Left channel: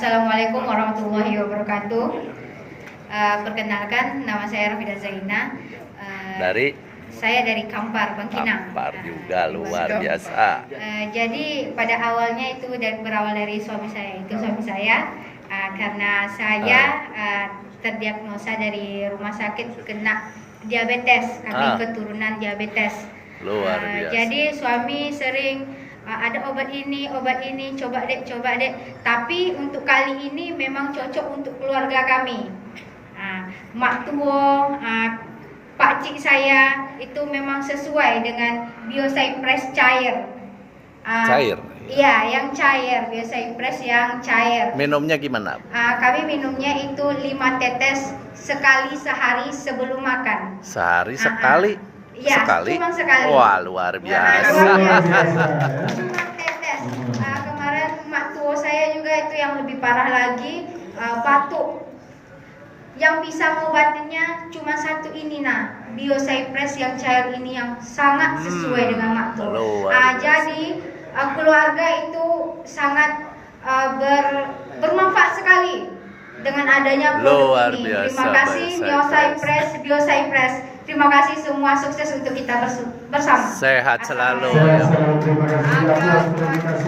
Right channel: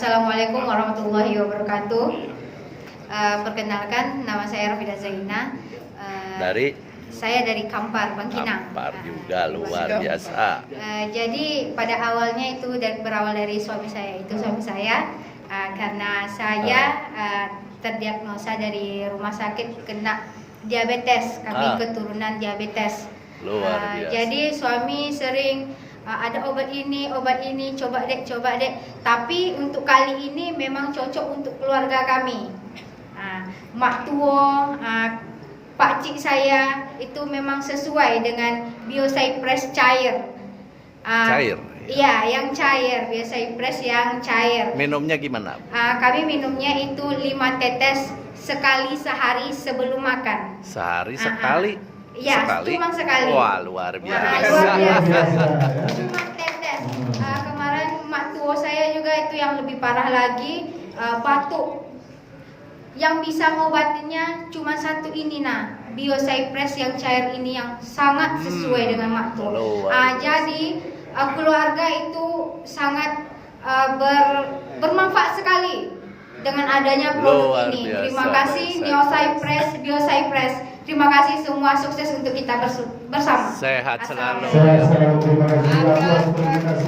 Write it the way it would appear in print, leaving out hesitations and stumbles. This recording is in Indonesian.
Assalamualaikum warahmatullahi wabarakatuh. Perkenalkan, nama saya Rafida Zaina. Saya dari Kampar, Bangkinang. Kampar juga luar biasa. Jadi pada awalnya itu berawal dari suami saya. Karena saya terdiagnosa dari rumah sakit kena diabetes. Kami keturunan diabetes. Luar biasa. Jadi suami sering ada obat ini, coba dek. Tapi untuk kali ini memang cocok untuk keluarga kami. Mak tua, Pak Cik saya itu memang sesuai dengan Biocypress cair. Cair? Iya, yang cair, Biocypress yang cair. Minumnya gimana? Kami minumnya itu 5 tetes sekali sehari sebelum makan. Sehari sekali? Iya, cuma sekali. Wah, luar biasa. Cuma tetes. Kemarin mak tua saya juga itu yang lebih parah lagi, batuk. Yang bisa mengobatinya cuma satu ini, Biocypress yang cair ini yang sangat sesuai dengan mak tua. Jadi keluarga itu sangat bermanfaat sekali dengan adanya produk ini. Terima kasih Biocypress. Terima kasih semua, sukses untuk kita bersama. Sehat selalu. Terima kasih.